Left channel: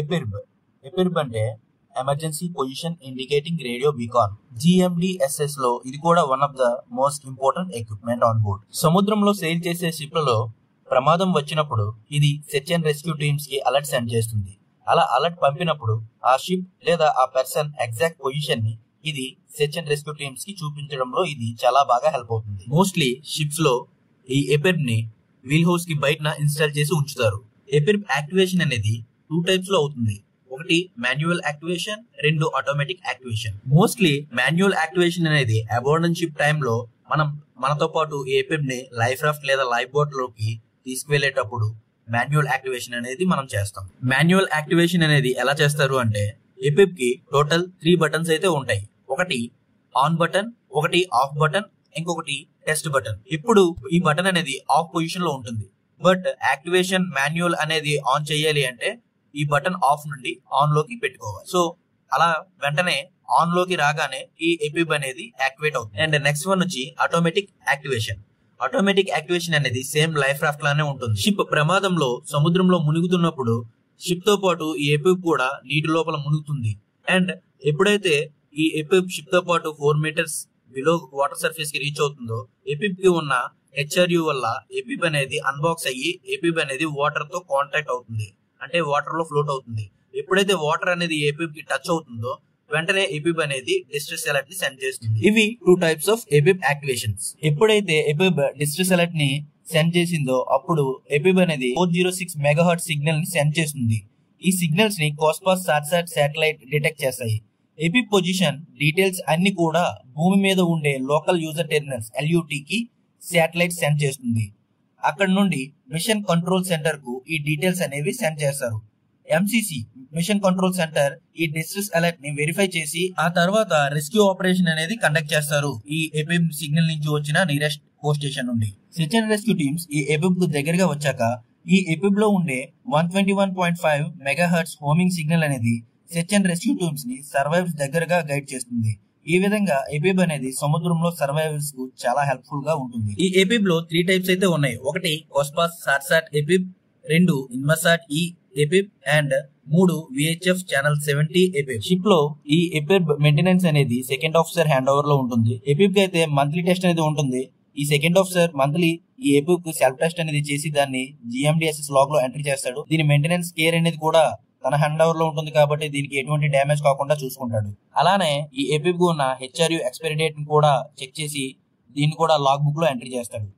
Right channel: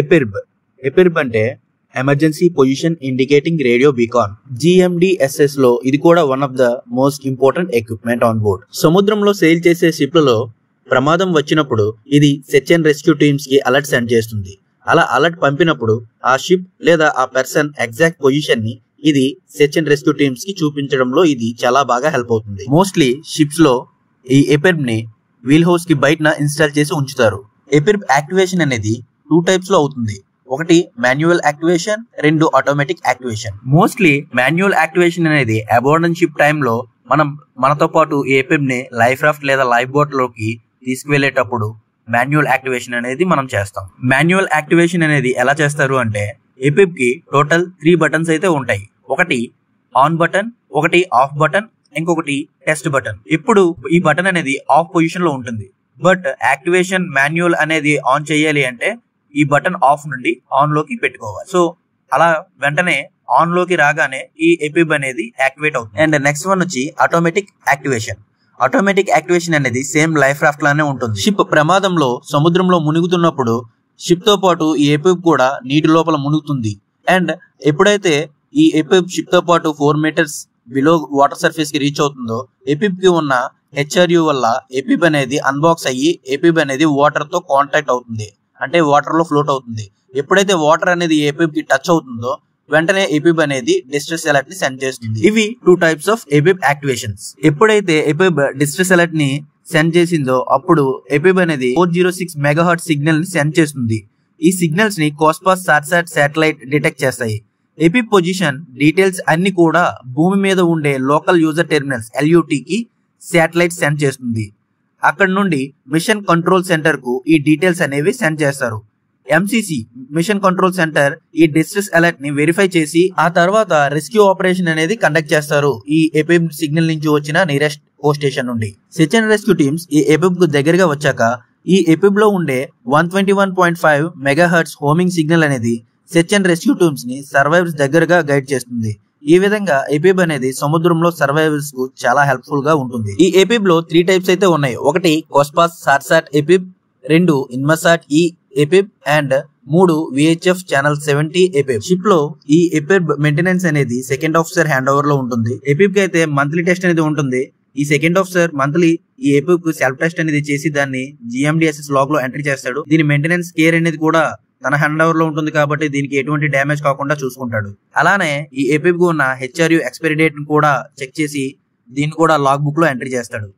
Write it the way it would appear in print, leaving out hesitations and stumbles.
ఎపిర్బ్. ఎపిర్బ్ అంటే emergency position indicating radio beacon. GMDSS లో ఇది కూడా one of the most important equipment on board. సముద్రంలో సెయిల్ చేసే షిప్లలో ప్రమాదం వచ్చినప్పుడు ఇది సెర్చ్ అండ్ రెస్క్యూ టీమ్స్ కి అలర్ట్ సెండ్ చేస్తుంది. అలా అలర్ట్ పంపినప్పుడు ఆ షిప్ లేదా ఆ పర్సన్ ఎగ్జాక్ట్ పొజిషన్ ని ఇది సెర్చ్ అండ్ రెస్క్యూ టీమ్స్ కి చూపించడంలో ఇది చాలా బాగా హెల్ప్ అవుతుంది. మోస్ట్లీ షిప్స్ లో ఈ ఎపిర్బ్ ని వీల్ హౌస్ కి బయటన ఇన్స్టాల్ చేసి ఉంచుతారు. ఎపిర్బ్ యాక్టివేషన్ అనేది 2 టైప్స్ లో అవుతుంది. ఒకటి manual activation, 2 automatic activation. Mostly manual activation అనేది అబాండన్ షిప్ టైంలో మనం మనతో పాటు ఈ ఎపిర్బ్ ని లైఫ్ రాఫ్ట్ లేదా లైఫ్ బోట్ లోకి తీసుకువెళ్లేటప్పుడు మాన్యువల్ యాక్టివేషన్ అనేది మనం చేస్తాం. మాన్యువల్ యాక్టివేషన్ అనేది ఎలా చేస్తారు అంటే ఎపిర్బ్ కి టోటల్ 3 బటన్స్ అయితే ఉంటాయి. ఒకటి ఆన్ బటన్, ఒకటి ఆఫ్ బటన్, ఇంకొకటి టెస్ట్ బటన్. ఇప్పుడు ఈ బటన్ అనేది ఆఫ్ పొజిషన్ లో ఉంటుంది. బట్ యాక్టివేషన్ మాన్యువల్ అనేది ఆన్ చేయాలి అంటే ఈ బటన్ ఆఫ్ నుండి ఆన్ లోకి పెట్టుకోవాలి. సో అలా వెంటనే ఆన్ లోకి రాగానే ఈ ఎపిర్బ్ అనేది యాక్టివేట్ అవుతుంది. అండ్ నెక్స్ట్ వన్ వచ్చి ఆటోమేటిక్ యాక్టివేషన్. ఆటోమేటిక్ యాక్టివేషన్ అనేది సేమ్ లైఫ్ రాఫ్ట్ లానే ఉంటుంది. షిప్ ప్రమాదంలో సముద్రంలో మునుగుతున్నప్పుడు షిప్ తో పాటు ఈ ఎపిర్బ్ కూడా నీటి లోపల మునుగుతుంది. అండ్ ఎప్పుడైతే ఈ ఎపిర్బ్ షిప్ తో పాటు 4 మీటర్స్ బిలో వాటర్ సర్ఫేస్ కి రీచ్ అవుతుందో ఎపిర్బ్ కి ఉన్న HRU వల్ల ఎపిర్బ్ అనేది అన్బాక్స్ అయ్యి ఎపిర్బ్ అనేది వాటర్ తో కాంటాక్ట్ అవుతుంది. అంటే వాటర్ లో ఫ్లోట్ అవుతుంది. ఎప్పుడైతే వాటర్ అనేది ఎపిర్బ్ కి టచ్ అవుతుందో వెంటనే ఎపిర్బ్ అనేది డిస్ట్రెస్ అలర్ట్ ని సెండ్ చేస్తుంది. ఇవి 2 టైప్స్ ఆఫ్ ఎపిర్బ్ యాక్టివేషన్స్. ఎప్పుడైతే ఎపిర్బ్ డిస్ట్రెస్ అలర్ట్ ని సెండ్ చేసిందో అప్పుడు ఎపిర్బ్ అనేది 406 మెగాహర్ట్జ్ సిగ్నల్ ని సెండ్ చేస్తుంది. ఈ సిగ్నల్స్ ని కోస్పాస్ సాట్సాట్ శాటిలైట్ డిటెక్ట్ చేస్తాయి. ఎపిర్బ్ పొజిషన్ డీటెయిల్స్ అన్ని కూడా భూమి మీద ఉండే లోకల్ యూజర్ టెర్మినల్స్ LUT కి శాటిలైట్ సెండ్ చేస్తుంది. అక్కడ నుండి మిషన్ కంట్రోల్ సెంటర్ కు ఈ డీటెయిల్స్ అనేవి సెండ్ చేస్తారు. MCC మిషన్ కంట్రోల్ సెంటర్ ఈ డిస్ట్రెస్ అలర్ట్ ని వెరిఫై చేసి ఆ తర్వాత రెస్క్యూ ఆపరేషన్ అనేది కండక్ట్ చేస్తారు. ఈ ఎపిర్బ్ సిగ్నల్ నుంచి వచ్చిన నియరెస్ట్ పోస్ట్ స్టేషన్ నుండి సెర్చ్ అండ్ రెస్క్యూ టీమ్స్ ఈ ఎపిర్బ్ కు దగ్గరగా వచ్చాక ఈ ఎపిర్బ్ లో ఉండే 121.5 మెగాహర్ట్జ్ హోమింగ్ సిగ్నల్ అనేది సెర్చ్ అండ్ రెస్క్యూ టీమ్స్ ని సర్వైవర్స్ దగ్గరగా గైడ్ చేస్తుంది. ఈ విధంగా ఎపిర్బ్ అనేది సముద్రంలో సర్వైవర్స్ కు చాలా హెల్ప్ఫుల్ గా ఉంటుంది. ఈ ఎపిర్బ్ లో 3 టైప్స్ అయితే ఉన్నాయి. ఒకటి కోస్పాస్ సాట్సాట్ ఎపిర్బ్, 2 ఇన్మసాట్ ఈ ఎపిర్బ్ అండ్ 3 VHF ఛానల్ 70 ఎపిర్బ్. షిప్ లో ఈ ఎపిర్బ్ మెయింటెనెన్స్ అనేది సెకండ్ ఆఫీసర్ హ్యాండ్ ఓవర్ లో ఉంటుంది. ఎపిర్బ్ కి అయితే మంత్లీ టెస్ట్ అనేది ఉంటుంది. ఈ సెకండ్ ఆఫీసర్ మంత్లీ ఈ ఎపిర్బ్ కు సెల్ఫ్ టెస్ట్ అనేది చేసి దాన్ని GMDSS లాగ్ లో ఎంట్రీ చేస్తాడు. దీని మెయింటెనెన్స్ కేర్ అనేది కూడా తన హ్యాండ్ ఓవర్ లో ఉంటుంది కాబట్టి దీనికి ఎటువంటి డ్యామేజ్ కాకుండా చూసుకుంటాడు. అలానే ఈ ఎపిర్బ్ కు ఉన్న HRU ఎక్స్పైరీ డేట్ ను కూడా చెక్ చేసి దీన్ని కూడా లాగ్ బుక్ లో ఎంట్రీ చేస్తాడు.